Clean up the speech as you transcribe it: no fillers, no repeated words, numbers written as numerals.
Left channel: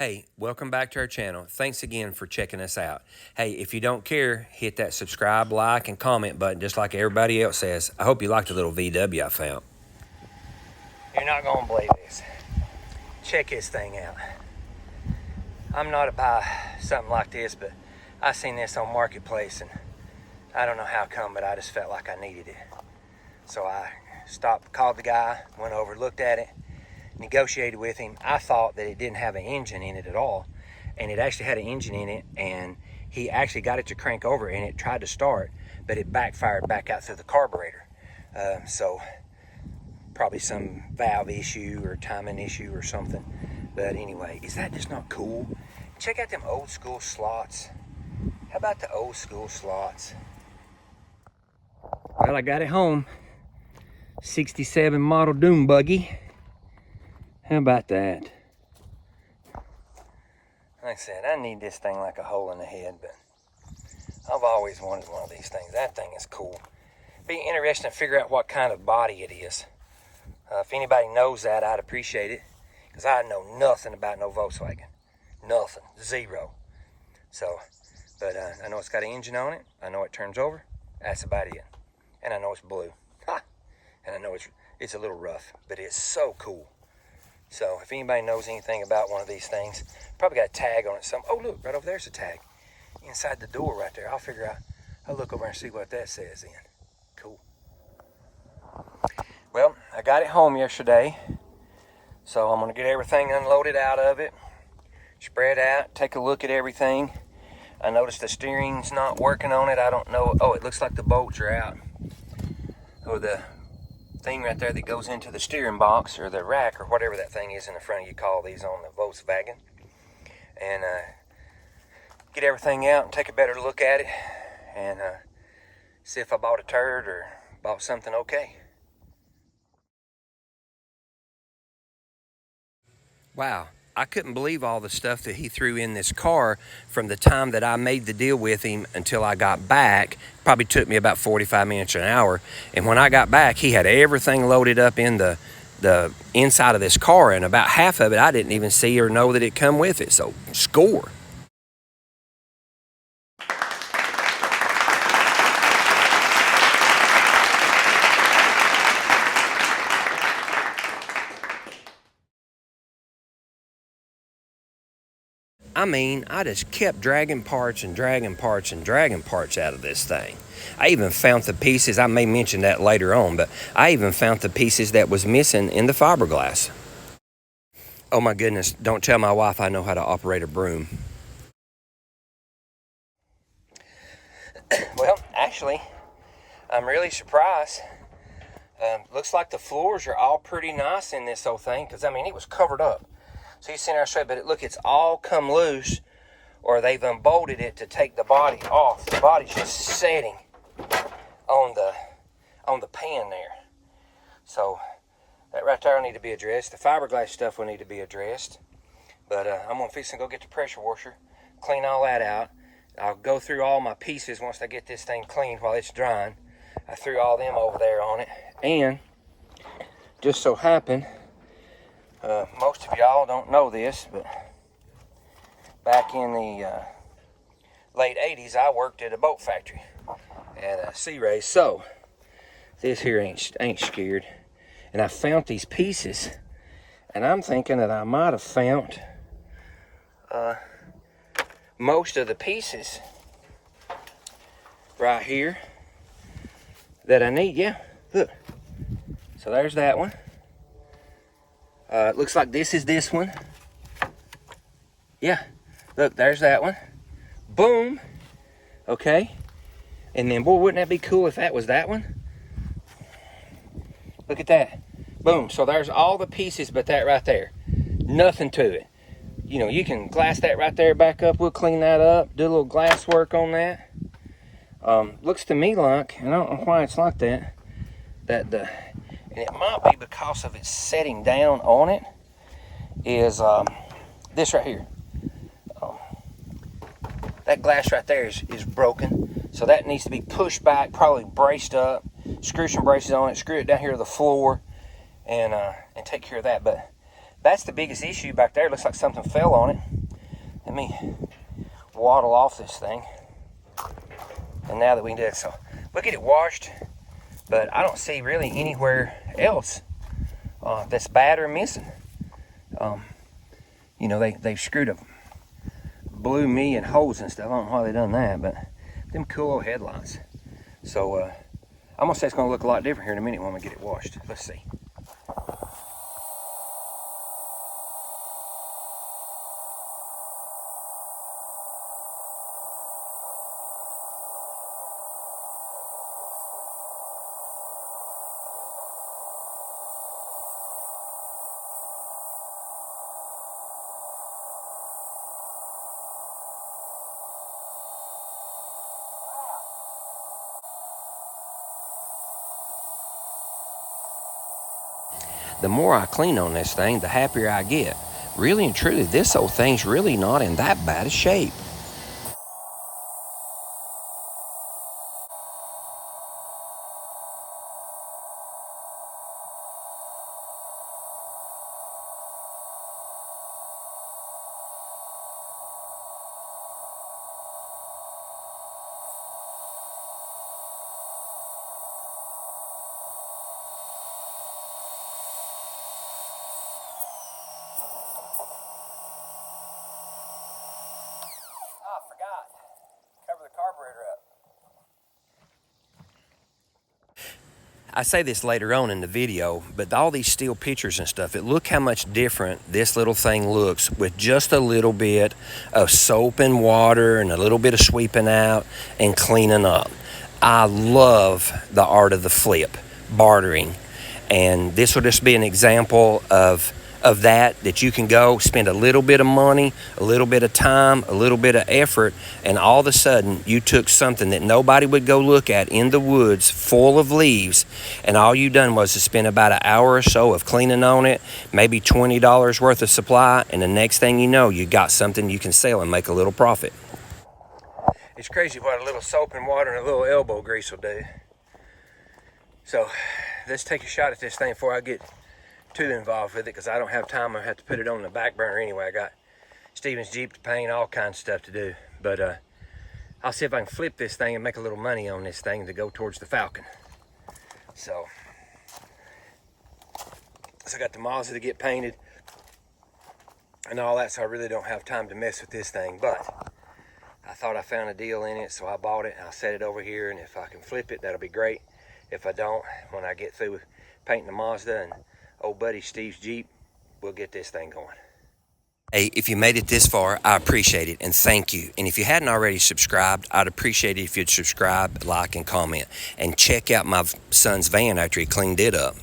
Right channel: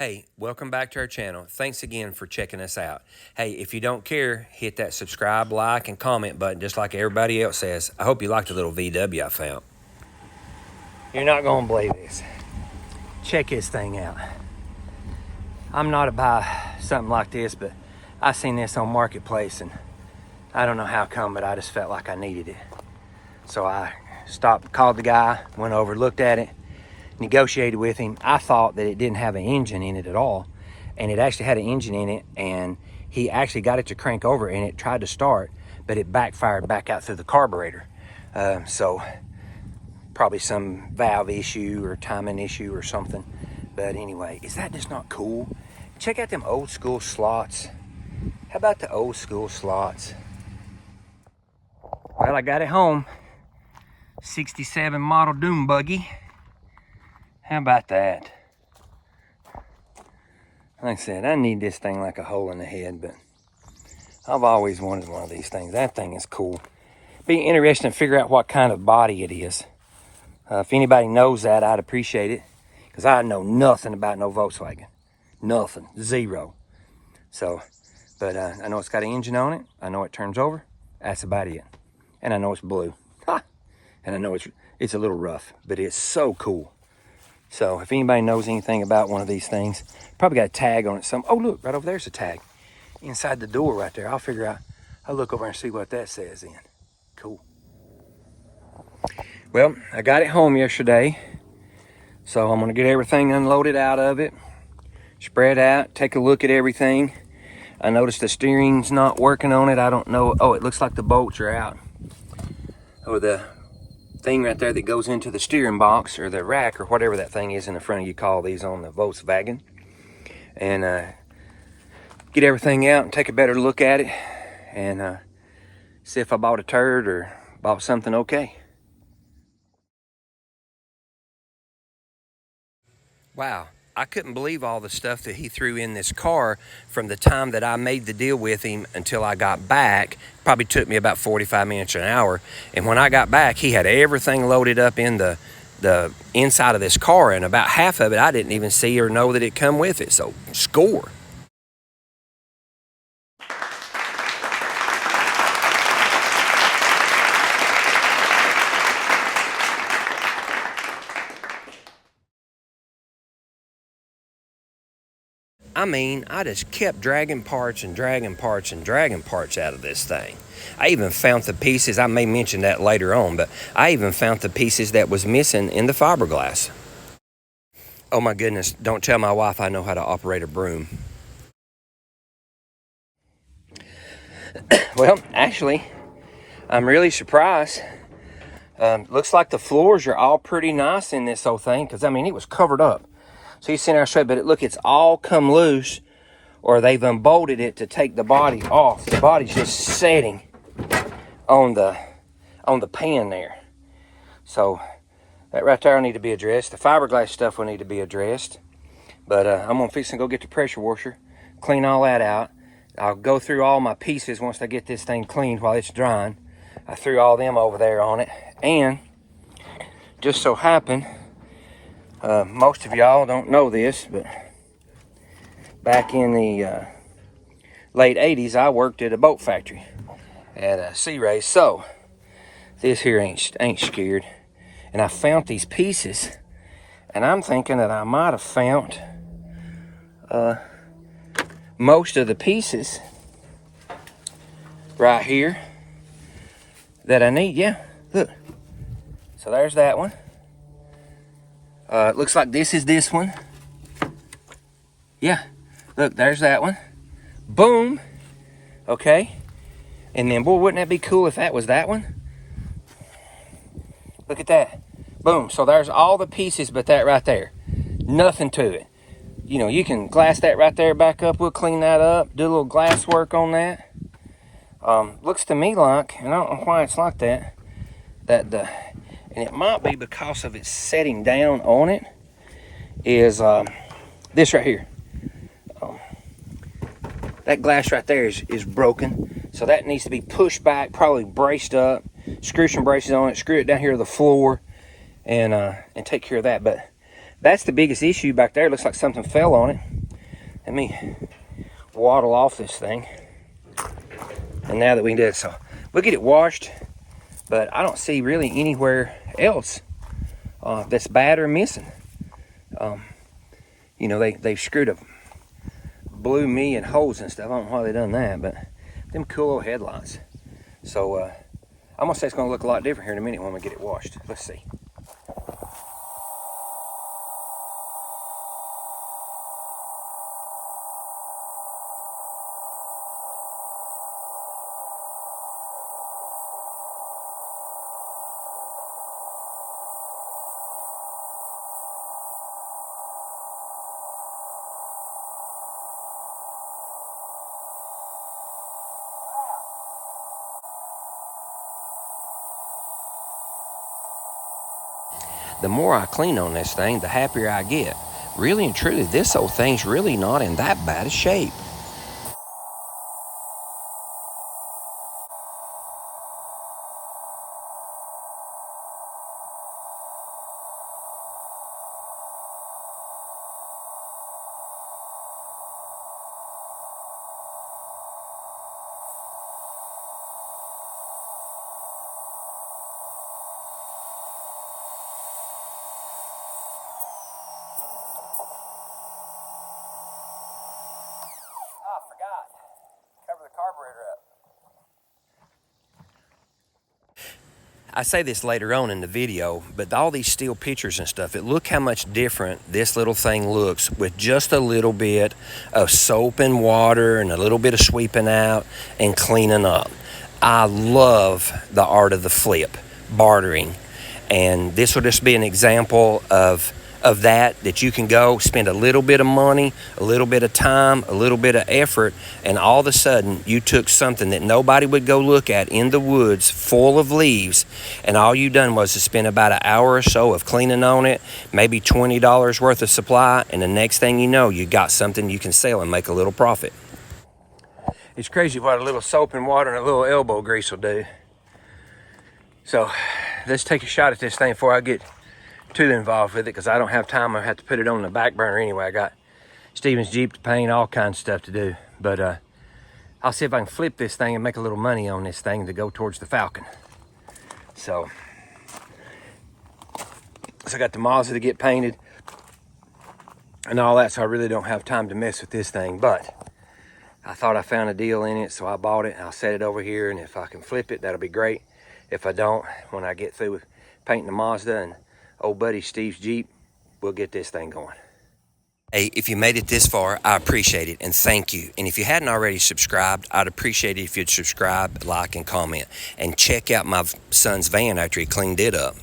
Hey, welcome back to our channel. Thanks again for checking us out. Hey, if you don't care, hit that subscribe, like, and comment button just like everybody else says. I hope you liked the little VW I found. You're not gonna believe this. Check this thing out. I'm not about something like this, but I seen this on Marketplace and I don't know how come, but I just felt like I needed it. So I stopped, called the guy, went over, looked at it, negotiated with him. I thought that it didn't have an engine in it at all, and it actually had an engine in it, and he actually got it to crank over and it tried to start, but it backfired back out through the carburetor. So probably some valve issue or timing issue or something. But anyway, is that just not cool? Check out them old school slots. How about the old school slots? Well, I got it home. 67 model Dune buggy. How about that? Like I said, I need this thing like a hole in the head, but I've always wanted one of these things. That thing is cool. Be interesting to figure out what kind of body it is. If anybody knows that, I'd appreciate it, because I know nothing about no Volkswagen. Nothing. Zero. So, but I know it's got an engine on it. I know it turns over. That's about it. And I know it's blue. Ha! And I know it's a little rough, but it's so cool. So if anybody knows anything about one of these things, probably got a tag on it. Oh, look, right over there's a tag. Inside the door right there. I'll figure out, I'll look over and see what that says then. Cool. Well, I got it home yesterday. So I'm gonna get everything unloaded out of it. Spread out, take a look at everything. I noticed the steering's not working on it. I don't know. Oh, it looks like the bolts are out. Or the thing right there that goes into the steering box or the rack or whatever that thing is in the front of you call these on the Volkswagen. And get everything out and take a better look at it and see if I bought a turd or bought something okay. Wow, I couldn't believe all the stuff that he threw in this car from the time that I made the deal with him until I got back. Probably took me about 45 minutes or an hour. And when I got back, he had everything loaded up in the inside of this car, and about half of it I didn't even see or know that it come with it. So score. I mean, I just kept dragging parts and dragging parts and dragging parts out of this thing. I even found the pieces, I may mention that later on, but I even found the pieces that was missing in the fiberglass. Oh my goodness, don't tell my wife I know how to operate a broom. Well, actually, I'm really surprised. Looks like the floors are all pretty nice in this whole thing, because I mean, it was covered up. So you see there straight, but look, it's all come loose, or they've unbolted it to take the body off. The body's just setting on the pan there. So that right there will need to be addressed. The fiberglass stuff will need to be addressed. But I'm gonna fix and go get the pressure washer, clean all that out. I'll go through all my pieces once I get this thing cleaned while it's drying. I threw all them over there on it, and just so happened, most of y'all don't know this, but back in the late 80s, I worked at a boat factory at a Sea Race. So this here ain't scared. And I found these pieces, and I'm thinking that I might have found most of the pieces right here that I need. Yeah, look. So there's that one. It looks like this is this one. Yeah, look, there's that one. Boom. Okay. And then, boy, wouldn't that be cool if that was that one? Look at that. Boom. So there's all the pieces but that right there. Nothing to it. You know, you can glass that right there back up. We'll clean that up. Do a little glass work on that. Looks to me like, and I don't know why it's like that, and it might be because of its setting down on it, is this right here. That glass right there is broken, so that needs to be pushed back, probably braced up, screw some braces on it, screw it down here to the floor, and take care of that. But that's the biggest issue back there. It looks like something fell on it. Let me waddle off this thing. And now that we can do it, so we'll get it washed, but I don't see really anywhere else that's bad or missing. You know, they've screwed up blew me and holes and stuff. I don't know why they done that, but them cool old headlights. So I'm gonna say it's gonna look a lot different here in a minute when we get it washed. Let's see. The more I clean on this thing, the happier I get. Really and truly, this old thing's really not in that bad a shape. I forgot. Cover the carburetor up. I say this later on in the video, but all these steel pictures and stuff, look how much different this little thing looks with just a little bit of soap and water and a little bit of sweeping out and cleaning up. I love the art of the flip, bartering, and this will just be an example of that you can go spend a little bit of money, a little bit of time, a little bit of effort, and all of a sudden you took something that nobody would go look at in the woods full of leaves, and all you done was to spend about an hour or so of cleaning on it, maybe $20 worth of supply, and the next thing you know, you got something you can sell and make a little profit. It's crazy what a little soap and water and a little elbow grease will do. So let's take a shot at this thing before I get too involved with it, because I don't have time. I have to put it on the back burner anyway. I got Steven's Jeep to paint, all kinds of stuff to do. But I'll see if I can flip this thing and make a little money on this thing to go towards the Falcon. So I got the Mazda to get painted and all that, so I really don't have time to mess with this thing. But I thought I found a deal in it, so I bought it and I'll set it over here, and if I can flip it, that'll be great. If I don't, when I get through with painting the Mazda and old buddy Steve's Jeep, we'll get this thing going. Hey, if you made it this far, I appreciate it, and thank you. And if you hadn't already subscribed, I'd appreciate it if you'd subscribe, like, and comment. And check out my son's van after he cleaned it up.